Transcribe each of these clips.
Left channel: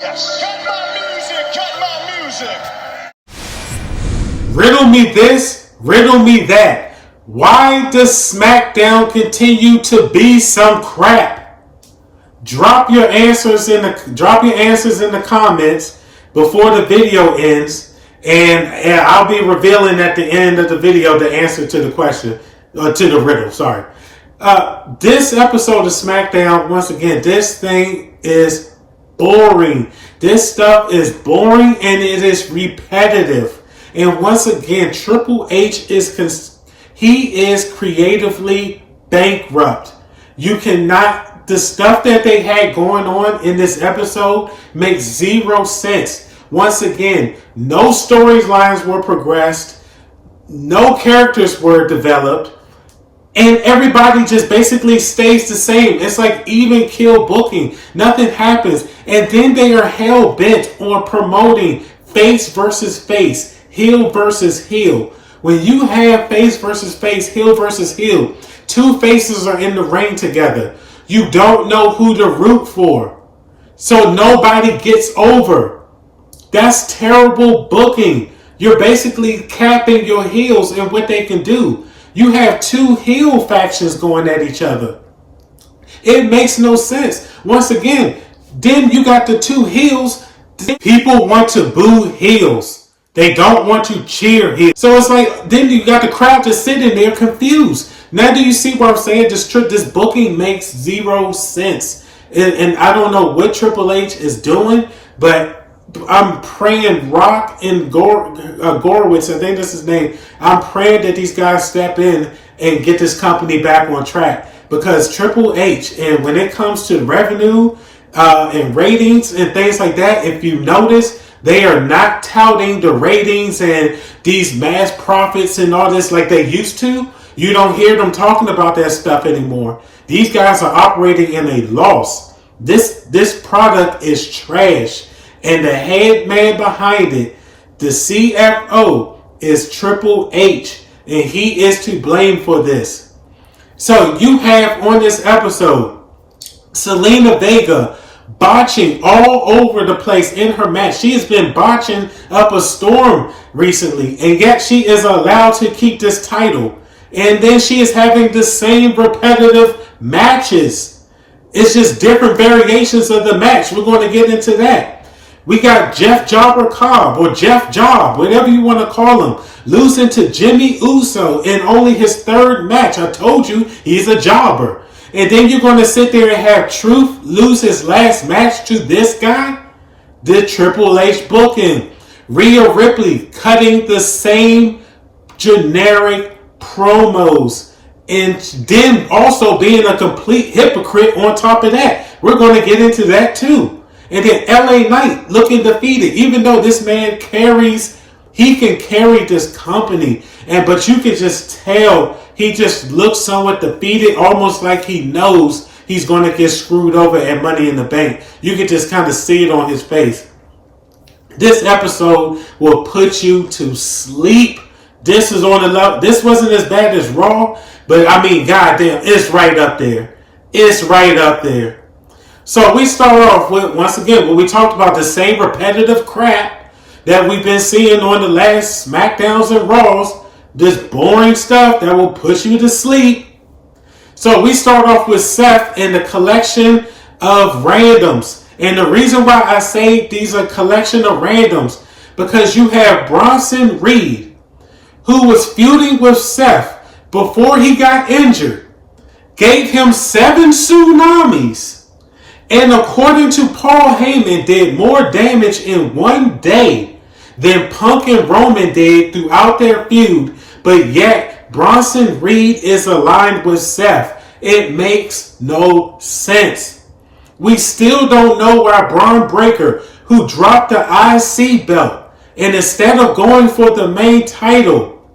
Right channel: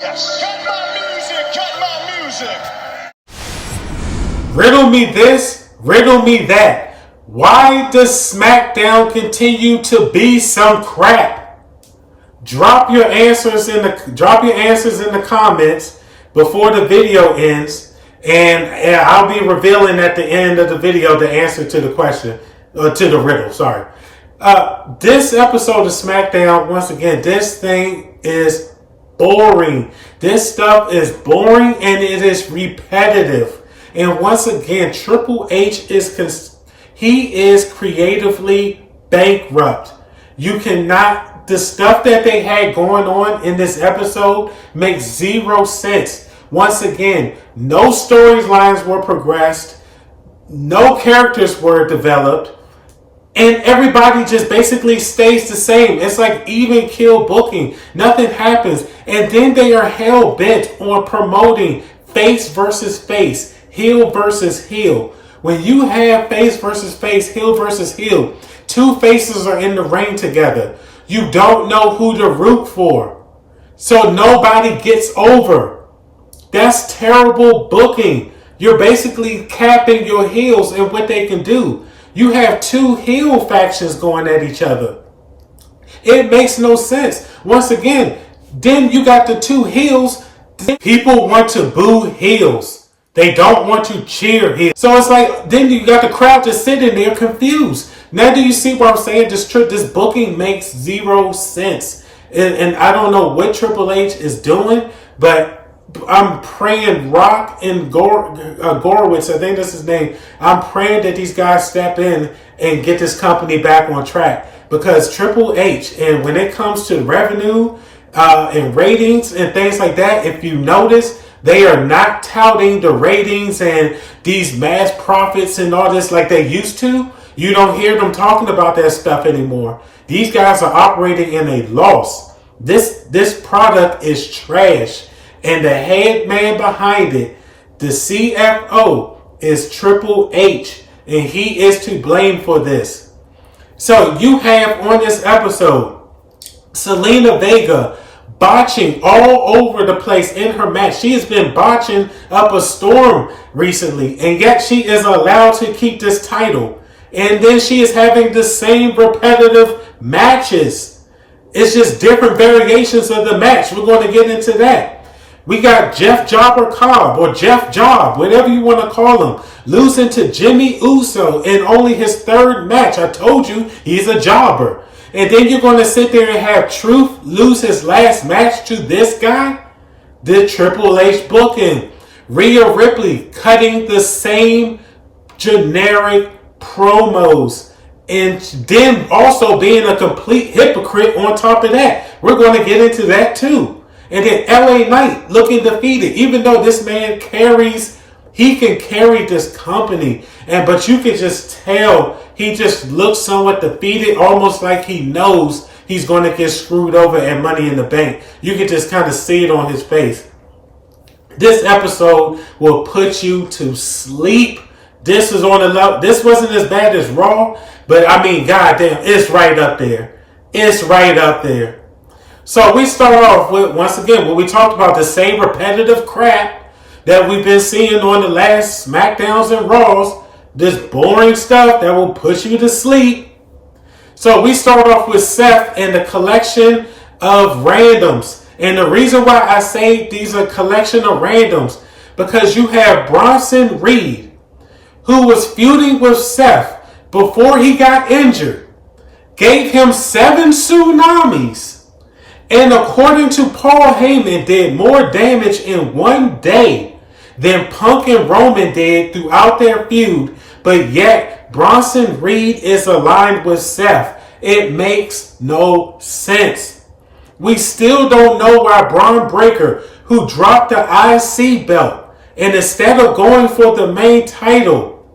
Yes. Cut my music. Riddle me this, riddle me that. Why does Smackdown continue to be some crap? Drop your answers in the comments before the video ends, and I'll be revealing at the end of the video the answer to the question, to the riddle. Sorry. This episode of Smackdown, once again, this thing is boring. This stuff is boring and it is repetitive. And once again, Triple H is creatively bankrupt. You cannot. The stuff that they had going on in this episode makes zero sense. Once again, no storylines were progressed, no characters were developed, and everybody just basically stays the same. It's like even kill booking. Nothing happens. And then they are hell bent on promoting face versus face, heel versus heel. When you have face versus face, heel versus heel, two faces are in the ring together. You don't know who to root for. So nobody gets over. That's terrible booking. You're basically capping your heels and what they can do. You have two heel factions going at each other. It makes no sense. Once again, then you got the two heels. People want to boo heels. They don't want to cheer heels. So it's like, then you got the crowd just sitting there confused. Now do you see what I'm saying? This booking makes zero sense. And I don't know what Triple H is doing, but I'm praying Rock and Gorwitz, I think that's his name. I'm praying that these guys step in and get this company back on track. Because Triple H, and when it comes to revenue and ratings and things like that, if you notice, they are not touting the ratings and these mass profits and all this like they used to. You don't hear them talking about that stuff anymore. These guys are operating in a loss. This product is trash. And the head man behind it, the CFO, is Triple H. And he is to blame for this. So you have on this episode, Selena Vega botching all over the place in her match. She has been botching up a storm recently. And yet she is allowed to keep this title. And then she is having the same repetitive matches. It's just different variations of the match. We're going to get into that. We got Jeff Jobber Cobb, or Jeff Job, whatever you want to call him, losing to Jimmy Uso in only his third match. I told you, he's a jobber. And then you're going to sit there and have Truth lose his last match to this guy? The Triple H booking. Rhea Ripley cutting the same generic promos. And then also being a complete hypocrite on top of that. We're going to get into that too. And then LA Knight looking defeated, even though this man he can carry this company. But you can just tell he just looks somewhat defeated, almost like he knows he's going to get screwed over at Money in the Bank. You can just kind of see it on his face. This episode will put you to sleep. This is on the level. This wasn't as bad as Raw, but I mean, goddamn, it's right up there. It's right up there. So we start off with, once again, when we talked about the same repetitive crap that we've been seeing on the last Smackdowns and Raws, this boring stuff that will put you to sleep. So we start off with Seth and the collection of randoms. And the reason why I say these are a collection of randoms, because you have Bronson Reed, who was feuding with Seth before he got injured, gave him 7 tsunamis. And according to Paul Heyman, did more damage in one day than Punk and Roman did throughout their feud. But yet, Bronson Reed is aligned with Seth. It makes no sense. We still don't know why Braun Breaker, who dropped the IC belt, and instead of going for the main title,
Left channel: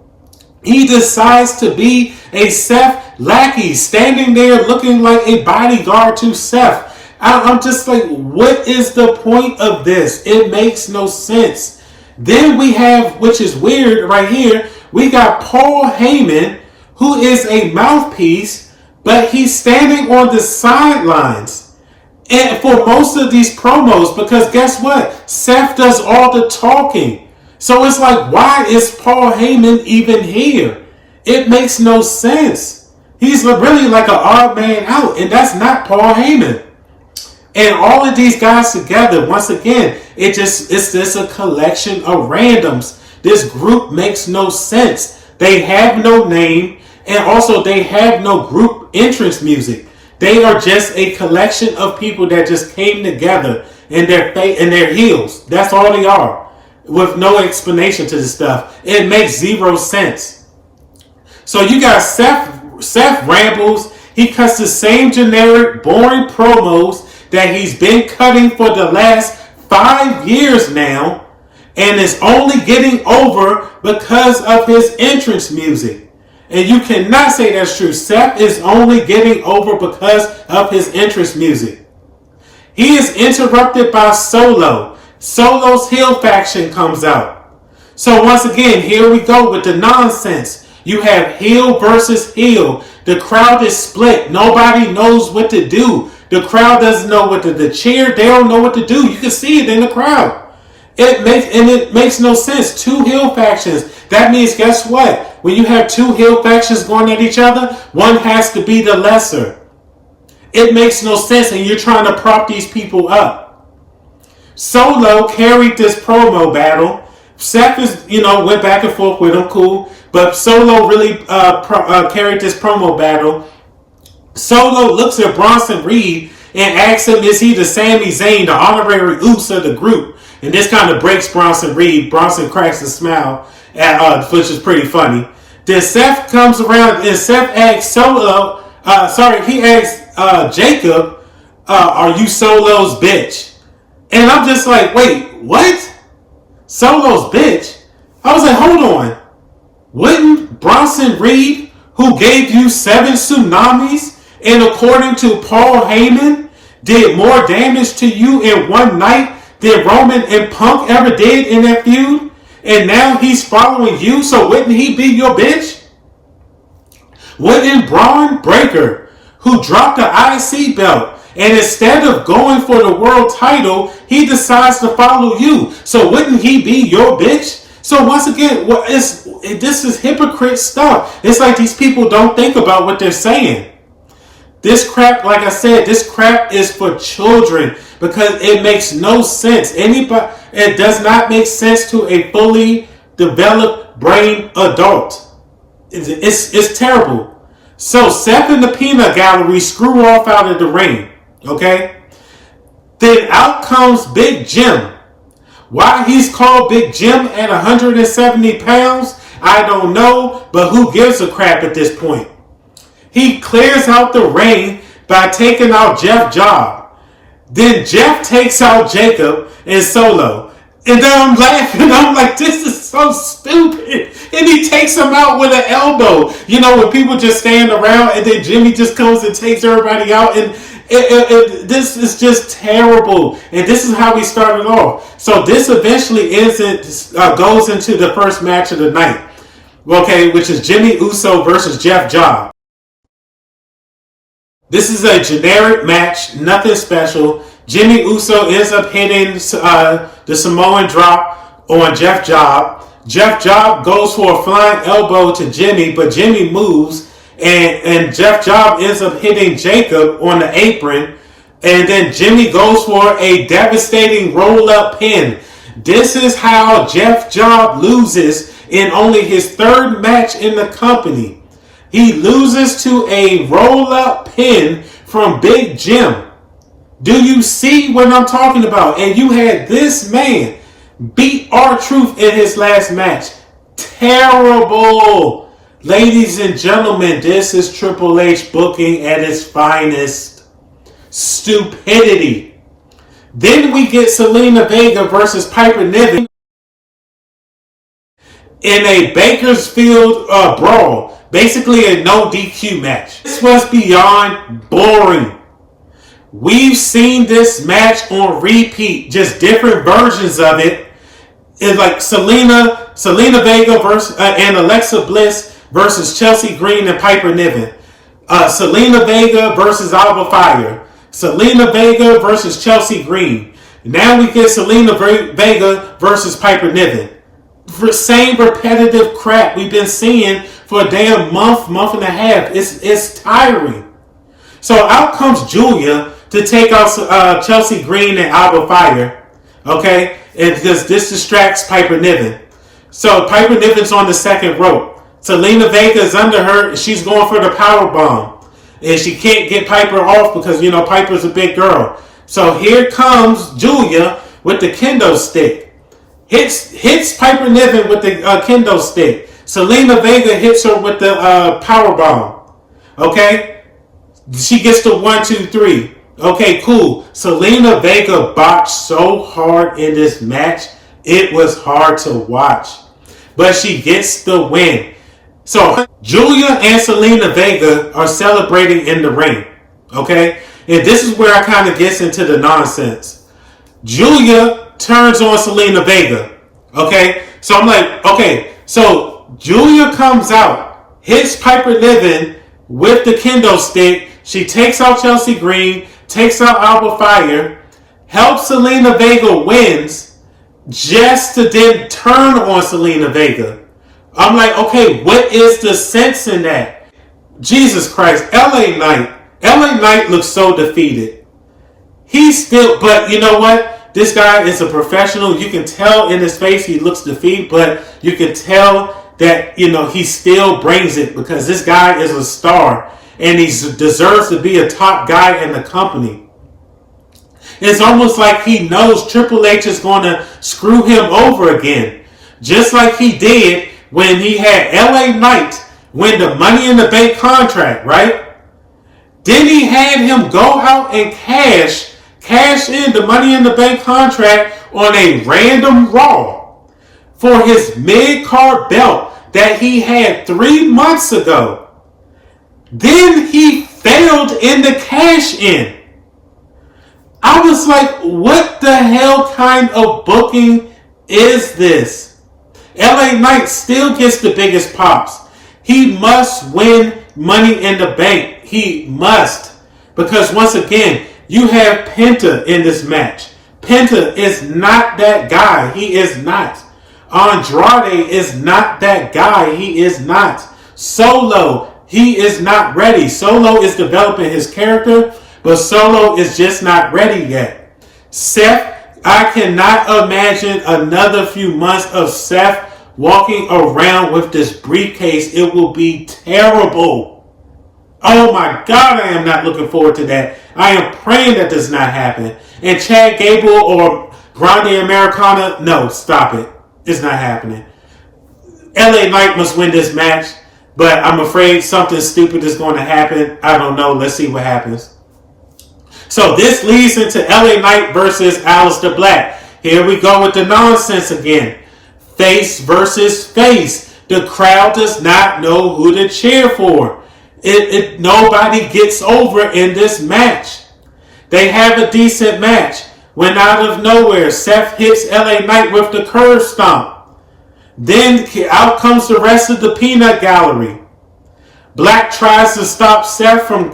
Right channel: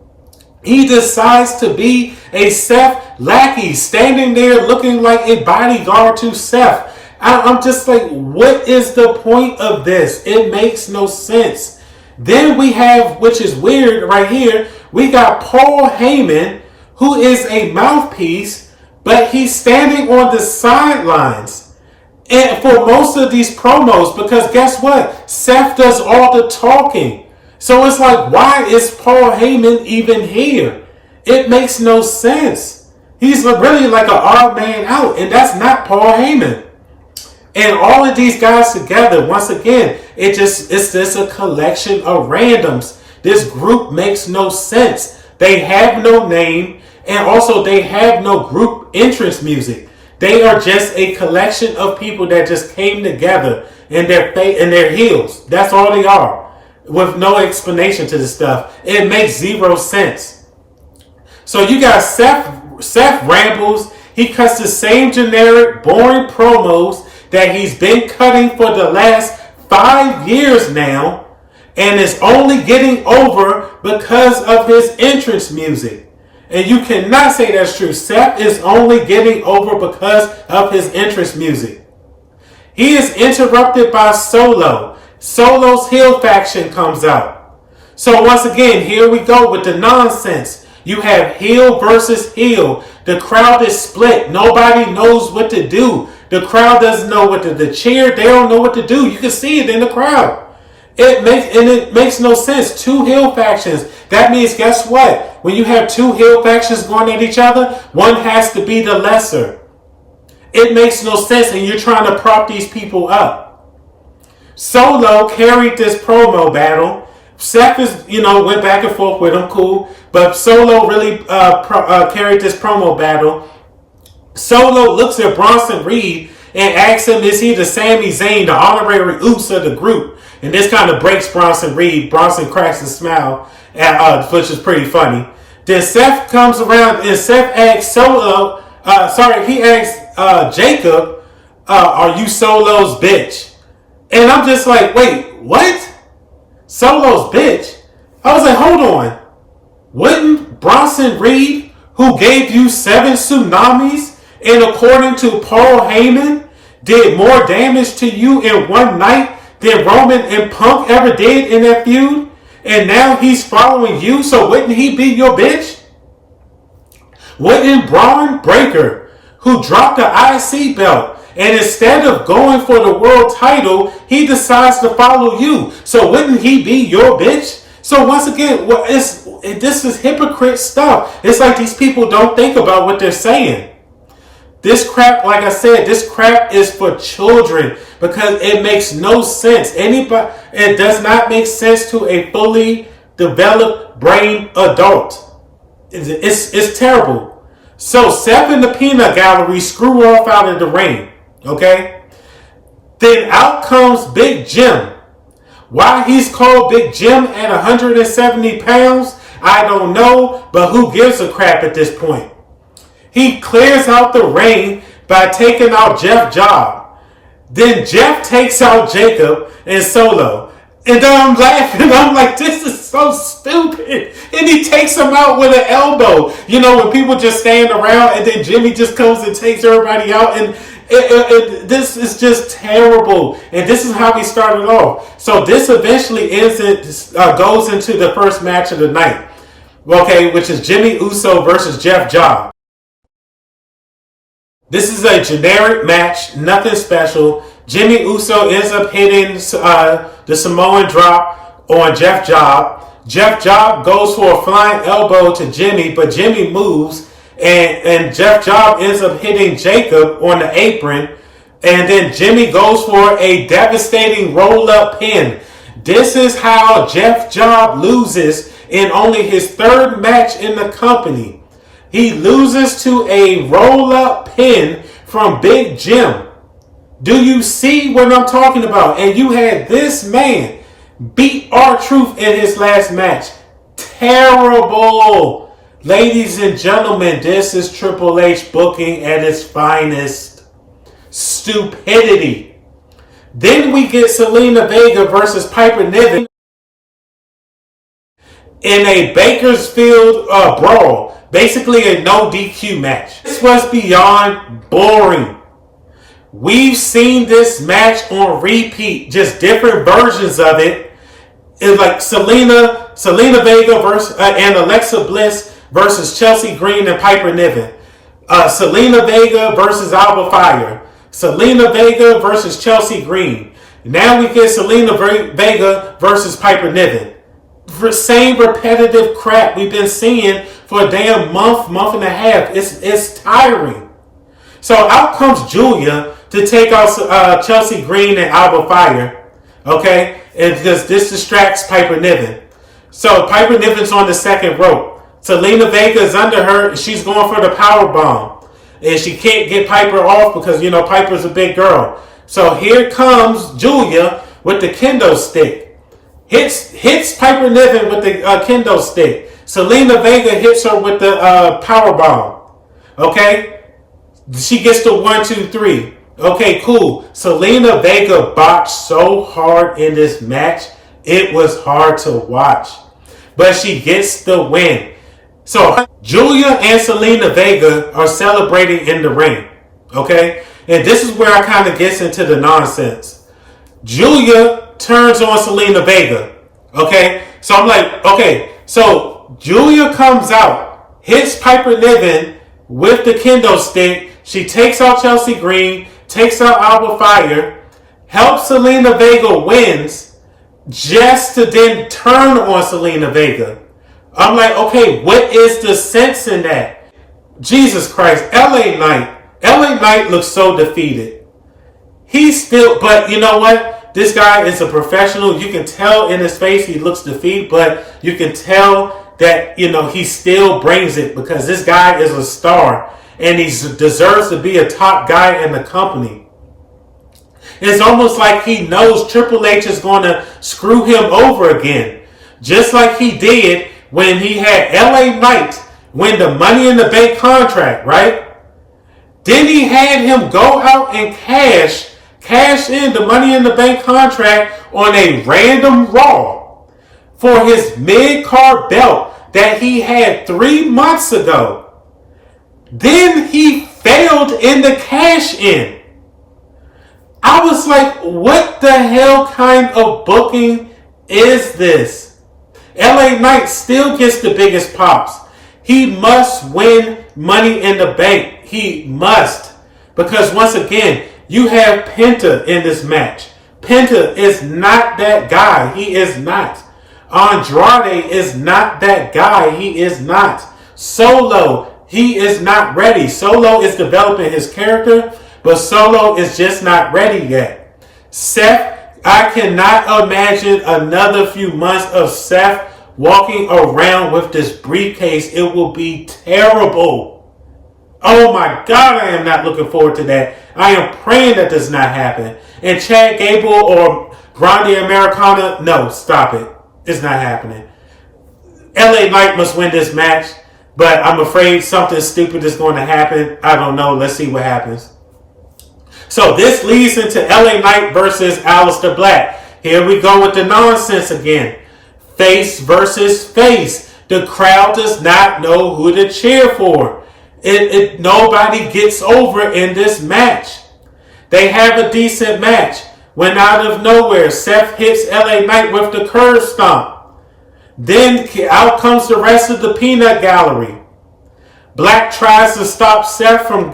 he decides to be a Seth lackey, standing there looking like a bodyguard to Seth. I'm just like, what is the point of this? It makes no sense. Then we have, which is weird right here, we got Paul Heyman, who is a mouthpiece, but he's standing on the sidelines. And for most of these promos, because guess what? Seth does all the talking. So it's like, why is Paul Heyman even here? It makes no sense. He's really like an odd man out, and that's not Paul Heyman. And all of these guys together, once again, it's just a collection of randoms. This group makes no sense. They have no name, and also they have no group entrance music. They are just a collection of people that just came together in their heels. That's all they are, with no explanation to this stuff. It makes zero sense. So you got Seth rambles. He cuts the same generic, boring promos that he's been cutting for the last 5 years now, and is only getting over because of his entrance music. And you cannot say that's true. Seth is only getting over because of his entrance music. He is interrupted by Solo. Solo's heel faction comes out. So once again, here we go with the nonsense. You have heel versus heel. The crowd is split. Nobody knows what to do. The crowd doesn't know what to cheer. They don't know what to do. You can see it in the crowd. It makes no sense. Two heel factions. That means, guess what? When you have two heel factions going at each other, one has to be the lesser. It makes no sense, and you're trying to prop these people up. Solo carried this promo battle. Seth went back and forth with him, cool. But Solo really carried this promo battle. Solo looks at Bronson Reed and asks him, is he the Sami Zayn, the honorary Uce of the group? And this kind of breaks Bronson Reed. Bronson cracks a smile, which is pretty funny. Then Seth comes around and Seth asks he asks Jacob, are you Solo's bitch? And I'm just like, wait, what? Solo's bitch? I was like, hold on. Wouldn't Bronson Reed, who gave you 7 tsunamis, and according to Paul Heyman, did more damage to you in one night than Roman and Punk ever did in that feud? And now he's following you, so wouldn't he be your bitch? Wouldn't Braun Breaker, who dropped the IC belt, and instead of going for the world title, he decides to follow you, so wouldn't he be your bitch? So once again, this is hypocrite stuff. It's like these people don't think about what they're saying. This crap, like I said, this crap is for children because it makes no sense. It does not make sense to a fully developed brain adult. It's terrible. So Seth and the Peanut Gallery screw off out of the ring. Okay? Then out comes Big Jim. Why he's called Big Jim at 170 pounds, I don't know, but who gives a crap at this point? He clears out the ring by taking out Jeff Job. Then Jeff takes out Jacob and Solo. And then I'm laughing. I'm like, this is so stupid. And he takes him out with an elbow. You know, when people just stand around and then Jimmy just comes and takes everybody out. And this is just terrible. And this is how we started off. So this eventually goes into the first match of the night. Okay, which is Jimmy Uso versus Jeff Job. This is a generic match, nothing special. Jimmy Uso ends up hitting the Samoan drop on Jeff Job. Jeff Job goes for a flying elbow to Jimmy, but Jimmy moves, and Jeff Job ends up hitting Jacob on the apron, and then Jimmy goes for a devastating roll-up pin. This is how Jeff Job loses in only his 3rd match in the company. He loses to a roll-up pin from Big Jim. Do you see what I'm talking about? And you had this man beat R-Truth in his last match. Terrible. Ladies and gentlemen, this is Triple H booking at its finest. Stupidity. Then we get Selena Vega versus Piper Niven in a Bakersfield brawl. Basically a no DQ match. This was beyond boring. We've seen this match on repeat, just different versions of it. It's like Selena Vega versus and Alexa Bliss versus Chelsea Green and Piper Niven. Selena Vega versus Alba Fire. Selena Vega versus Chelsea Green. Now we get Selena Vega versus Piper Niven. Same repetitive crap we've been seeing for a damn month and a half. It's tiring. So out comes Julia to take out Chelsea Green and Alba Fire. Okay? And because this distracts Piper Niven. So Piper Niven's on the second rope. Selena Vega is under her. She's going for the power bomb. And she can't get Piper off because, Piper's a big girl. So here comes Julia with the kendo stick. Hits Piper Niven with the kendo stick. Selena Vega hits her with the power bomb. Okay? She gets the 1, 2, 3. Okay, cool. Selena Vega botched so hard in this match. It was hard to watch. But she gets the win. So Julia and Selena Vega are celebrating in the ring. Okay? And this is where I kind of gets into the nonsense. Julia turns on Selena Vega. Okay? So I'm like, okay. So Julia comes out, hits Piper Niven with the kendo stick. She takes out Chelsea Green, takes out Alba Fire, helps Selena Vega wins, just to then turn on Selena Vega. I'm like, okay, what is the sense in that? Jesus Christ, LA Knight. LA Knight looks so defeated. He's still, but you know what? This guy is a professional. You can tell in his face he looks defeated, but you can tell that, he still brings it because this guy is a star and he deserves to be a top guy in the company. It's almost like he knows Triple H is going to screw him over again. Just like he did when he had LA Knight win the Money in the Bank contract, right? Then he had him go out and cash in the Money in the Bank contract on a random Raw for his mid-card belt that he had 3 months ago. Then he failed in the cash-in. I was like, what the hell kind of booking is this? LA Knight still gets the biggest pops. He must win Money in the Bank. He must. Because once again, you have Penta in this match. Penta is not that guy. He is not. Andrade is not that guy. He is not. Solo, he is not ready. Solo is developing his character, but Solo is just not ready yet. Seth, I cannot imagine another few months of Seth walking around with this briefcase. It will be terrible. Oh my God, I am not looking forward to that. I am praying that does not happen. And Chad Gable or Grande Americana, no, stop it. It's not happening. LA Knight must win this match, but I'm afraid something stupid is going to happen. I don't know. Let's see what happens. So this leads into LA Knight versus Aleister Black. Here we go with the nonsense again. Face versus face. The crowd does not know who to cheer for. Nobody gets over in this match. They have a decent match. When out of nowhere, Seth hits LA Knight with the curb stomp. Then out comes the rest of the peanut gallery. Black tries to stop Seth from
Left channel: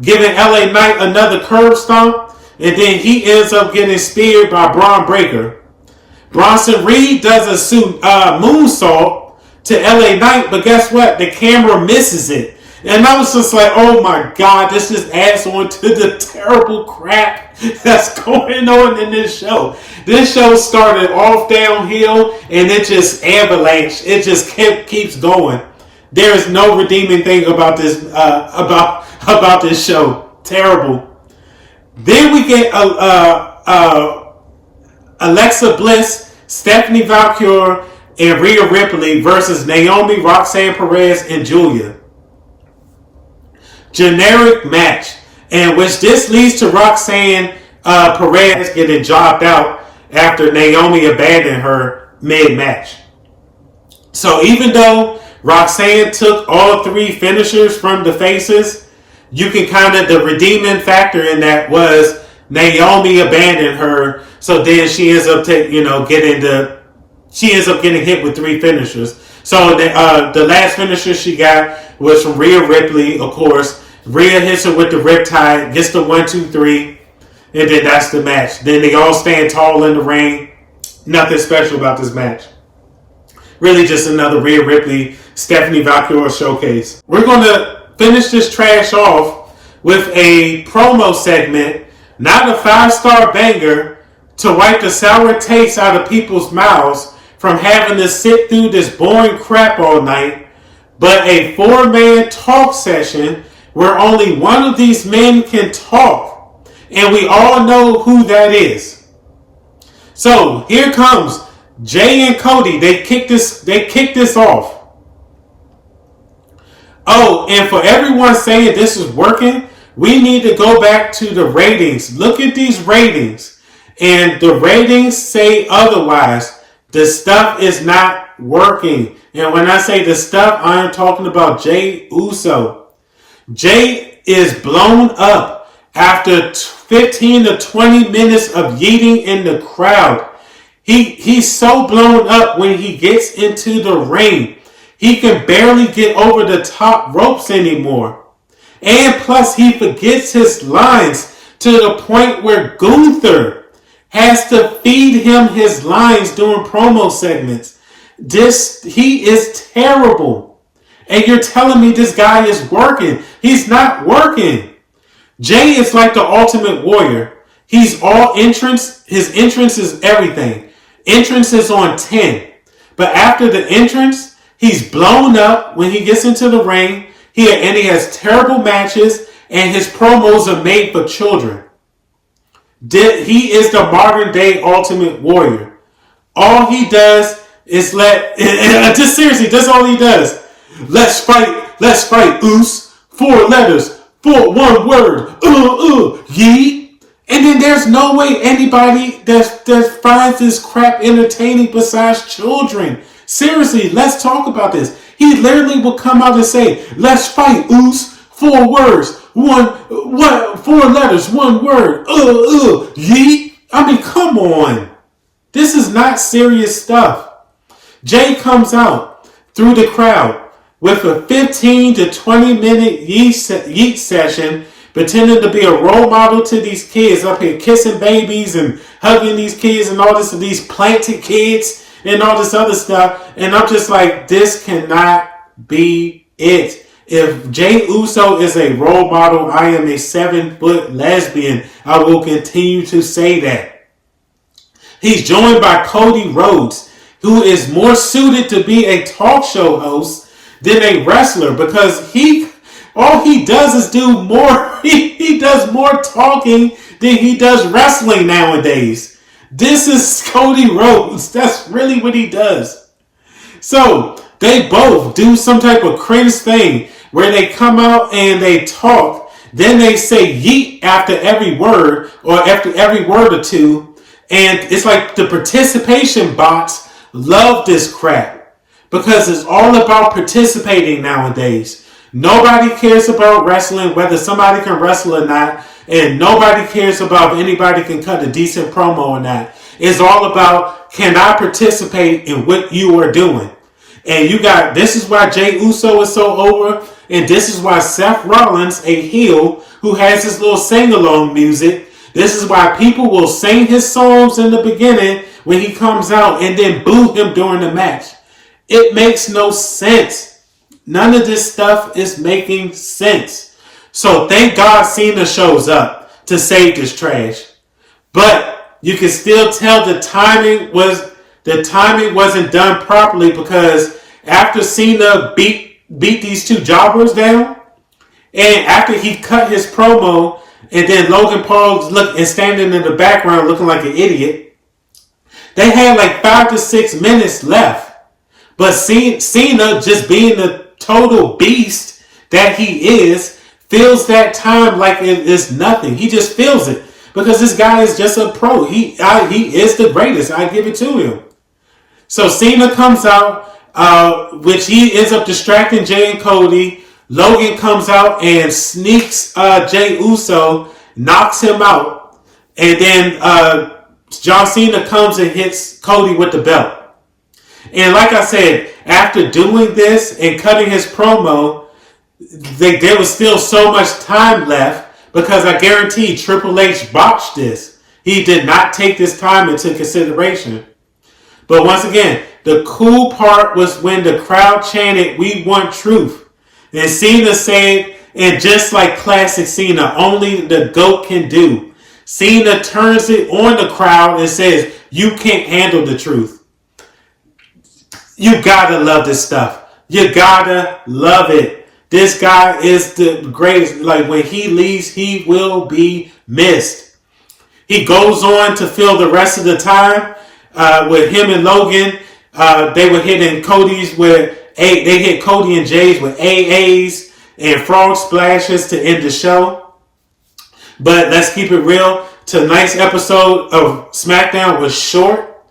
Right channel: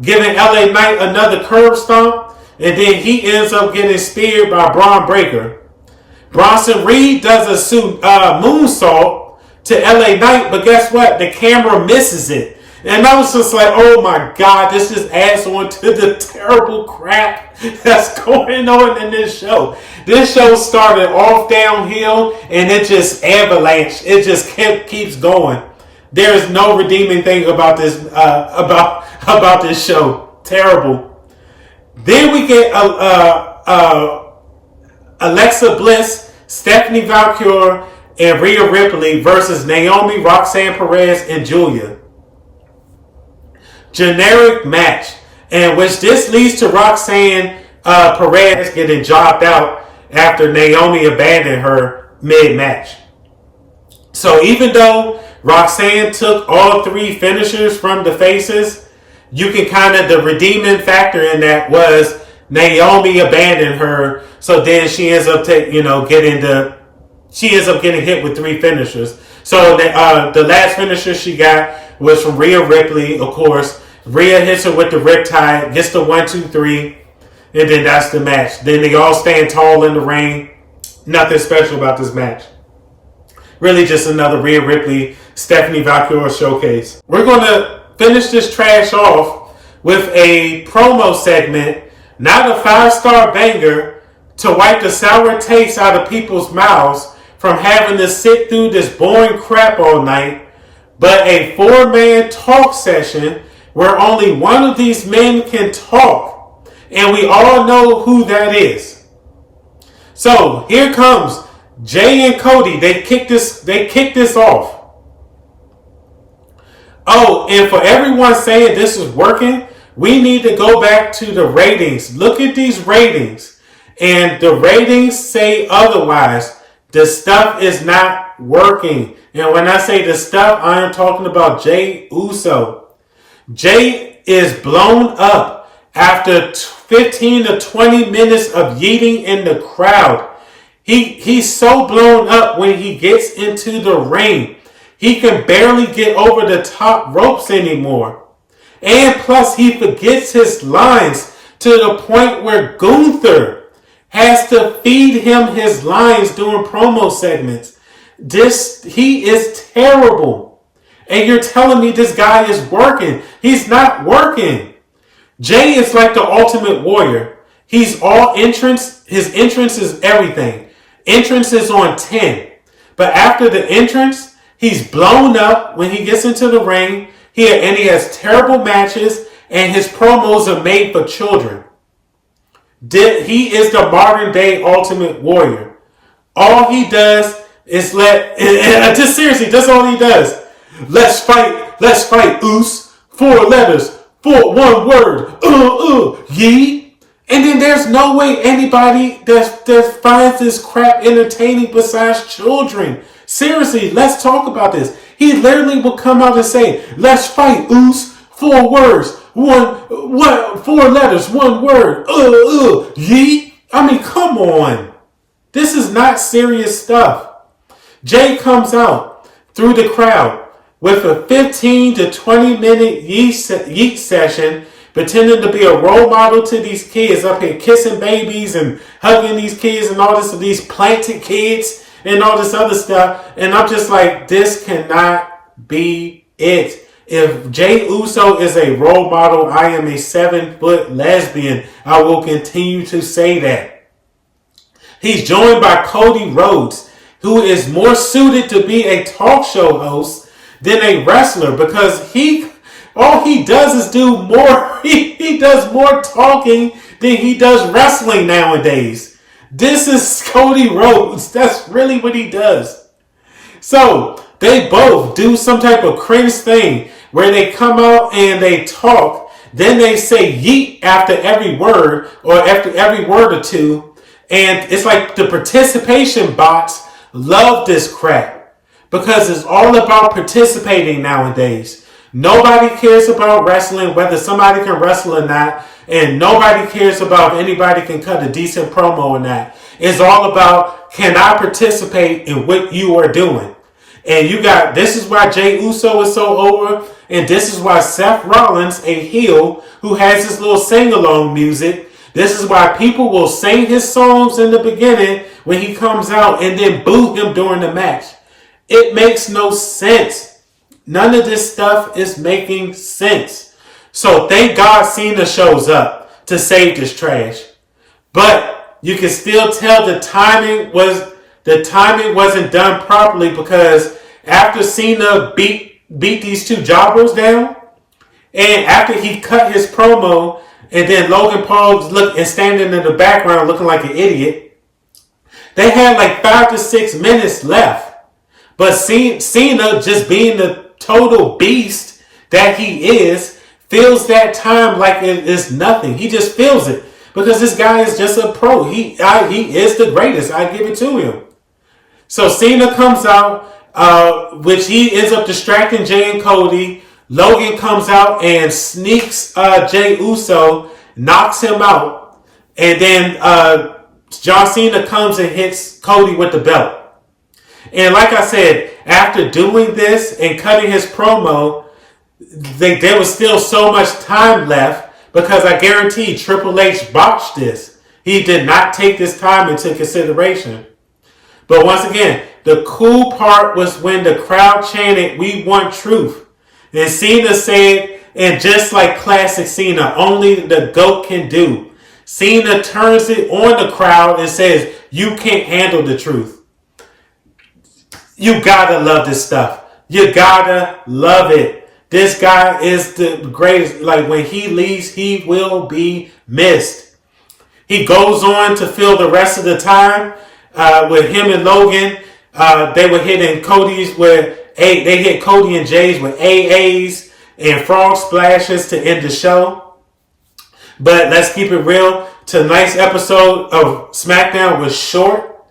giving LA Knight another curb stomp. And then he ends up getting speared by Braun Breaker. Bronson Reed does a moonsault to LA Knight, but guess what? The camera misses it. And I was just like, oh my God, this just adds on to the terrible crap that's going on in this show. This show started off downhill and it just avalanched. It just keeps going. There is no redeeming thing about this about this show. Terrible. Then we get Alexa Bliss, Stephanie Valkyrie, and Rhea Ripley versus Naomi, Roxanne Perez, and Julia. Generic match, and which this leads to Roxanne Perez getting jobbed out after Naomi abandoned her mid-match. So even though Roxanne took all 3 finishers from the faces, you can the redeeming factor in that was Naomi abandoned her, so then she ends up getting hit with 3 finishers. So the last finisher she got was from Rhea Ripley, of course. Rhea hits her with the riptide, gets the 1-2-3, and then that's the match. Then they all stand tall in the ring. Nothing special about this match. Really just another Rhea Ripley, Stephanie Valkyrie showcase. We're going to finish this trash off with a promo segment, not a 5-star banger, to wipe the sour taste out of people's mouths from having to sit through this boring crap all night, but a 4-man talk session where only one of these men can talk, and we all know who that is. So here comes Jay and Cody. They kick this off. Oh, and for everyone saying this is working, we need to go back to the ratings. Look at these ratings, and the ratings say otherwise. The stuff is not working. And when I say the stuff, I am talking about Jay Uso. Jay is blown up after 15 to 20 minutes of yeeting in the crowd. He's so blown up when he gets into the ring. He can barely get over the top ropes anymore. And plus he forgets his lines to the point where Gunther has to feed him his lines during promo segments. He is terrible. And you're telling me this guy is working. He's not working. Jay is like the Ultimate Warrior. He's all entrance. His entrance is everything. Entrance is on 10. But after the entrance, he's blown up when he gets into the ring. And he has terrible matches, and his promos are made for children. He is the modern day Ultimate Warrior. All he does is just seriously, that's all he does. Let's fight, Oos. 4 letters, 1 word, yeet. And then there's no way anybody that finds this crap entertaining besides children. Seriously, let's talk about this. He literally will come out and say, let's fight, Oos. 4 words, 4 letters, 1 word, yeet. I mean, come on. This is not serious stuff. Jay comes out through the crowd with a 15 to 20 minute yeet session, pretending to be a role model to these kids up here, kissing babies and hugging these kids and all this, these planted kids and all this other stuff. And I'm just like, this cannot be it. If Jay Uso is a role model, I am a 7-foot lesbian. I will continue to say that. He's joined by Cody Rhodes, who is more suited to be a talk show host than a wrestler, because all he does is do more. He does more talking than he does wrestling nowadays. This is Cody Rhodes. That's really what he does. So they both do some type of cringe thing where they come out and they talk. Then they say yeet after every word, or after every word or two. And it's like the participation bots love this crap, because it's all about participating nowadays. Nobody cares about wrestling, whether somebody can wrestle or not. And nobody cares about if anybody can cut a decent promo or not. It's all about, can I participate in what you are doing? And this is why Jay Uso is so over. And this is why Seth Rollins, a heel who has his little sing-along music, this is why people will sing his songs in the beginning when he comes out and then boo him during the match. It makes no sense. None of this stuff is making sense. So thank God Cena shows up to save this trash. But you can still tell the timing wasn't done properly, because after Cena beat these two jobbers down, and after he cut his promo, and then Logan Paul standing in the background looking like an idiot, they had like 5 to 6 minutes left. But Cena, just being the total beast that he is, feels that time like it is nothing. He just feels it, because this guy is just a pro. He is the greatest. I give it to him. So Cena comes out, which he ends up distracting Jay and Cody. Logan comes out and sneaks Jay Uso, knocks him out, and then John Cena comes and hits Cody with the belt. And like I said, after doing this and cutting his promo, there was still so much time left because I guarantee Triple H botched this. He did not take this time into consideration. But once again, the cool part was when the crowd chanted, "We want truth." And Cena said, and just like classic Cena, only the GOAT can do. Cena turns it on the crowd and says, "You can't handle the truth." You gotta love this stuff. You gotta love it. This guy is the greatest. Like, when he leaves, he will be missed. He goes on to fill the rest of the time with him and Logan. They were hitting Cody's with they hit Cody and Jay's with AAs and frog splashes to end the show. But let's keep it real. Tonight's episode of SmackDown was short,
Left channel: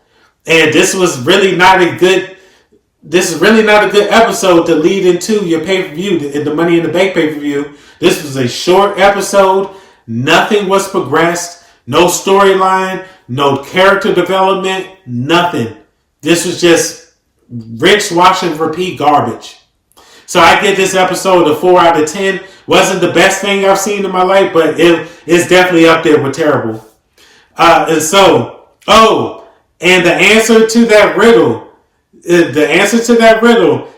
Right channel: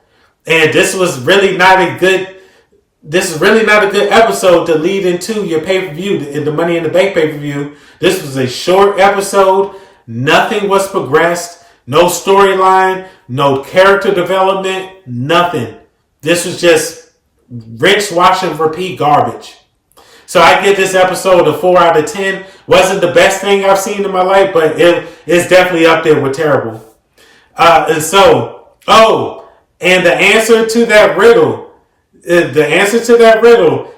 and this is really not a good episode to lead into your pay-per-view, the Money in the Bank pay-per-view. This was a short episode. Nothing was progressed. No storyline. No character development. Nothing. This was just rinse, wash, and repeat garbage. So I give this episode a 4 out of 10. Wasn't the best thing I've seen in my life, but it's definitely up there with terrible. And the answer to that riddle,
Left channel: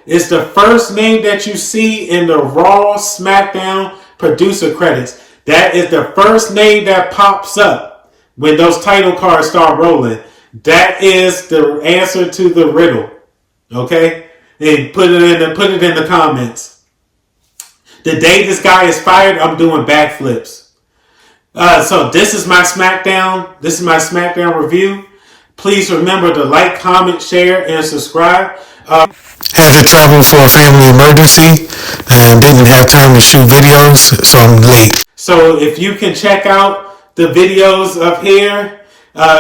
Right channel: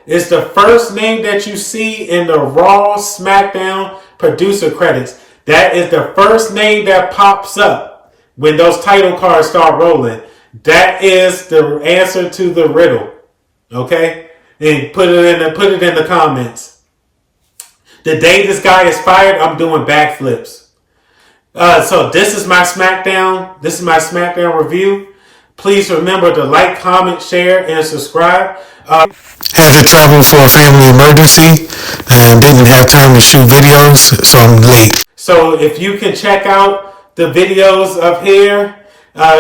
is the first name that you see in the Raw SmackDown producer credits. That is the first name that pops up when those title cards start rolling. That is the answer to the riddle. Okay? And put it in the comments. The day this guy is fired, I'm doing backflips. So this is my SmackDown. This is my SmackDown review. Please remember to like, comment, share, and subscribe. Had to travel for a family emergency and didn't have time to shoot videos, so I'm late. So if you can check out the videos up here,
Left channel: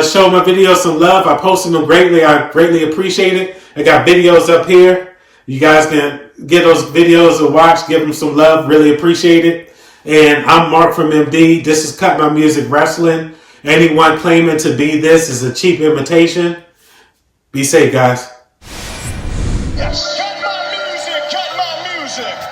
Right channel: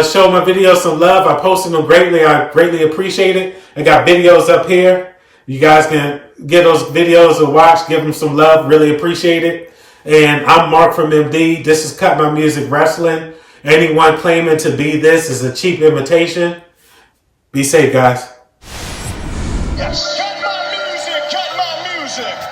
show my videos some love. I posted them greatly. I greatly appreciate it. I got videos up here. You guys can get those videos to watch. Give them some love. Really appreciate it. And I'm Mark from MD. This is Cut My Music Wrestling. Anyone claiming to be this is a cheap imitation. Be safe, guys. Yes. Cut my music, cut my music.